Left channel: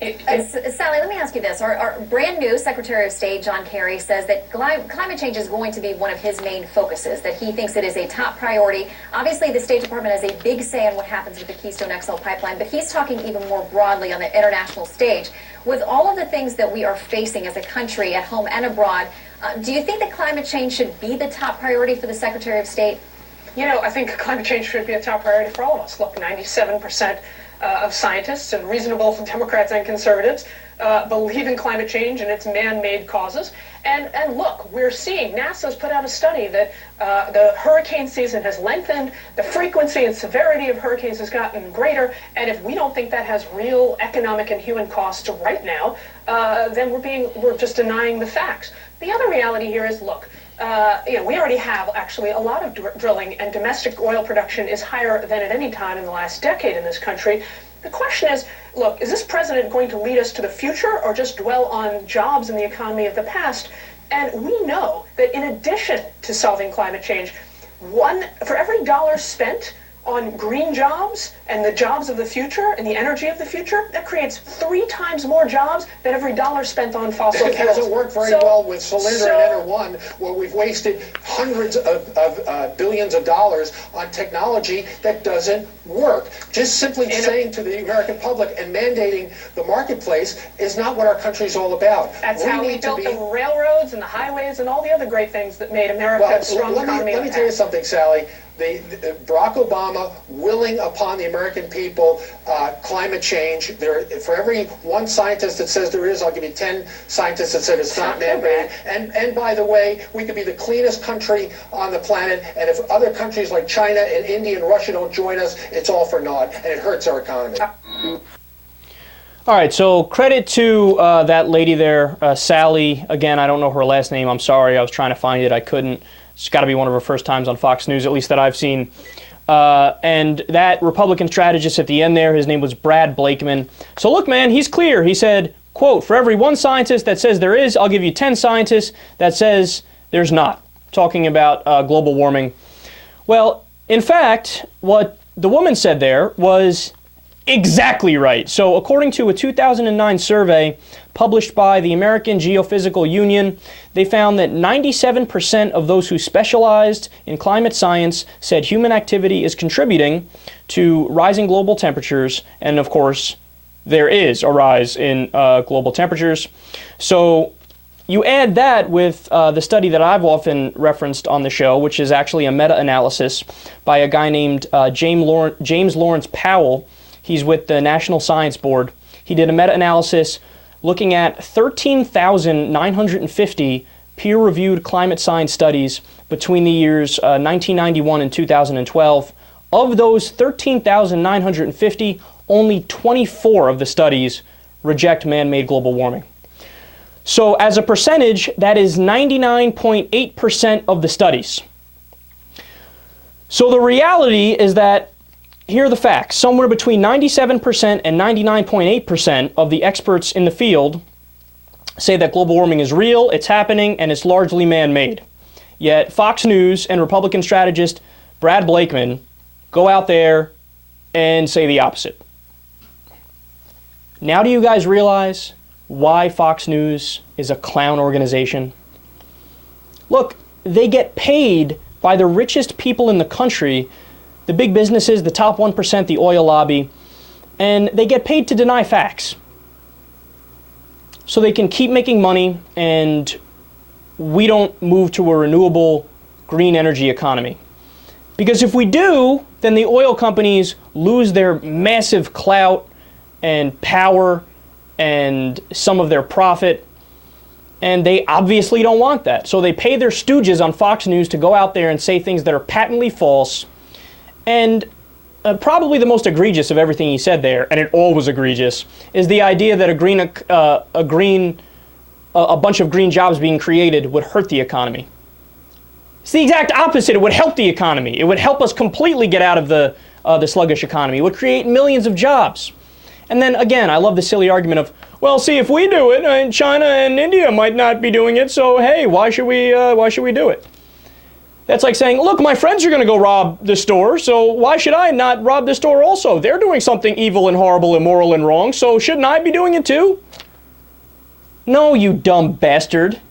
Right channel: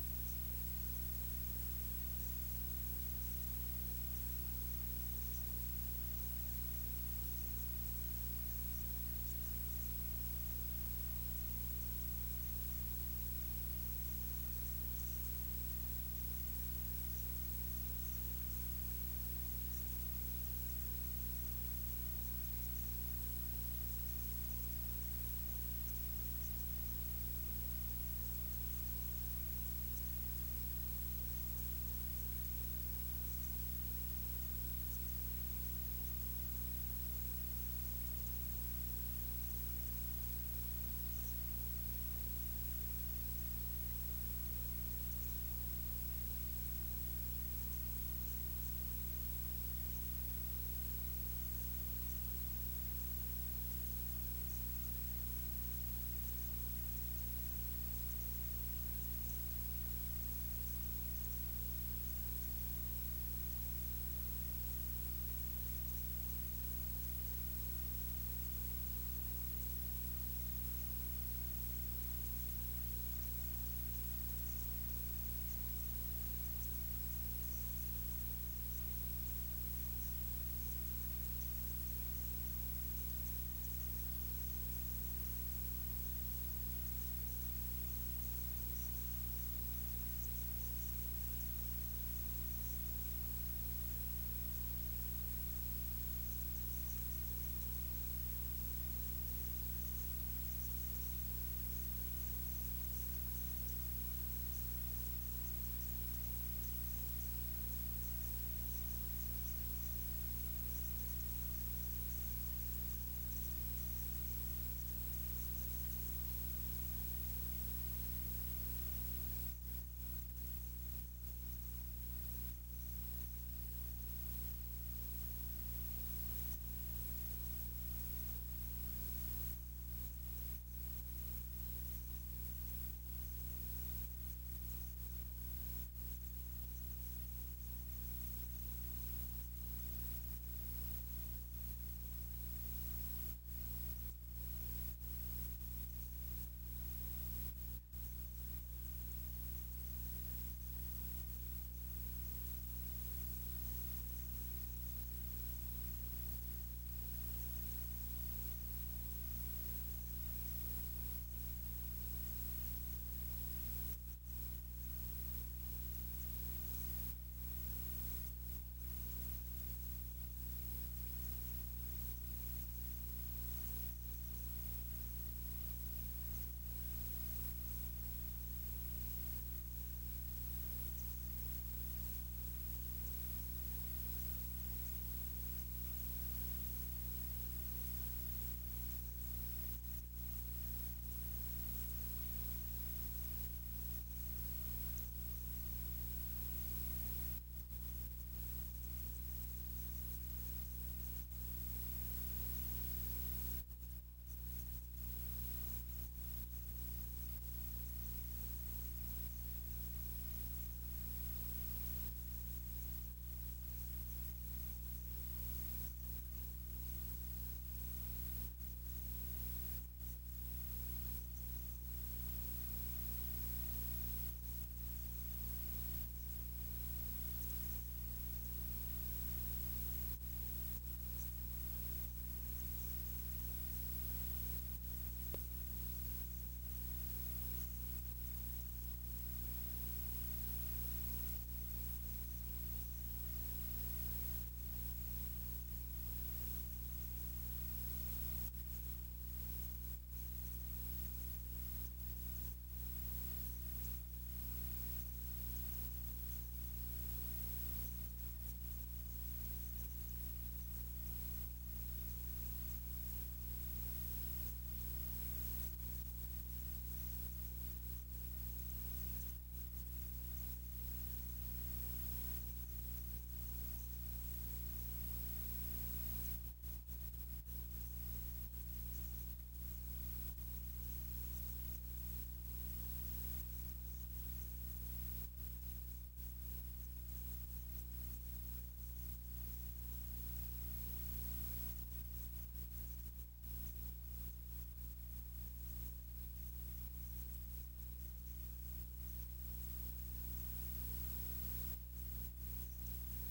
Sally, let me ask you this. Our brand new Secretary of State, John Kerry, says that climate change is going to be one of his main focuses, that he thinks it is a top priority. Obviously, the State Department has a big say in what happens with the Keystone XL pipeline, but he's talking even more broadly on the international stage. With all of the things that we are facing as a country at home and abroad, do you think that climate change should be the top priority for the Secretary of State? You know, I think climate change should be a top priority for all of us. Look, 97% of scientists and reasonable Democrats and conservatives believe in climate change and its man-made causes. And look, we're seeing, NASA's put out a study that the hurricane season has lengthened, the frequency and severity of hurricanes has gotten greater, and if we don't think that has real economic and human costs right now, then we're just denying the facts. The other reality here is, look, we already have actually a lot of drilling, and domestic oil production is higher than at any time in the last decade in this country. The question is, look, is this president going to lead us to the future or just dwell on jobs in the economy of the past? And we know that in addition to solving climate change, for every dollar spent on green jobs and the jobs of the future and the energy of the future, that creates 3 times more jobs than every dollar spent on fossil fuels. It hasn't worked very well with Solyndra and Enter-1, where we've wasted hundreds of billions of dollars on technology that doesn't work. Just simply saying to the American public and mandating the marketplace is not what our country's all about. That's how we built the railroads and the highways and all the other great things that made America a strong economy. Let me tell you something, Sally. Barack Obama willing upon the American people climate change. For every one scientist that says there is, I'll give you 10 scientists that said it's not man-made. And by the way, we could be the cleanest country on the planet, and if other countries like China and India and Russia don't join us, it's all for naught, and it hurts our economy. All right, so credit to that lady there, Sally. Again, I don't know her last name. I'm sorry. I was trying to find it. I couldn't. It's got to be one of her first times on Fox News, at least that I've seen. And that Republican strategist at the end there, his name was Brad Blakeman. So look, man, he's clear. He said, quote, for every one scientist that says there is, I'll give you 10 scientists that says there's not. Talking about global warming. Well, in fact, what the woman said there was exactly right. So according to a 2009 survey published by the American Geophysical Union, they found that 97% of those who specialized in climate science said human activity is contributing to rising global temperatures, and of course, there is a rise in global temperatures. So you add that with the study that I've often referenced on the show, which is actually a meta-analysis by a guy named James Lawrence Powell. He's with the National Science Board. He did a meta-analysis looking at 13,950 peer-reviewed climate science studies between the years 1991 and 2012. Of those 13,950, only 24 of the studies reject man-made global warming. So as a percentage, that is 99.8% of the studies. So the reality is that, here are the facts. Somewhere between 97% and 99.8% of the experts in the field say that global warming is real, it's happening, and it's largely man-made. Yet Fox News and Republican strategist Brad Blakeman go out there and say the opposite. Now do you guys realize why Fox News is a clown organization? Look, they get paid by the richest people in the country, the big businesses, the top 1%, the oil lobby, and they get paid to deny facts. So they can keep making money, and we don't move to a renewable green energy economy. Because if we do, then the oil companies lose their massive clout and power and some of their profit, and they obviously don't want that. So they pay their stooges on Fox News to go out there and say things that are patently false. And probably the most egregious of everything he said there, and it all was egregious, is the idea that a bunch of green jobs being created would hurt the economy. It's the exact opposite. It would help the economy. It would help us completely get out of the sluggish economy. It would create millions of jobs. And then again, I love the silly argument of, well, see, if we do it, China and India might not be doing it, so hey, why should we do it? That's like saying, look, my friends are going to go rob the store, so why should I not rob the store also? They're doing something evil and horrible, immoral and wrong, so shouldn't I be doing it too? No, you dumb bastard.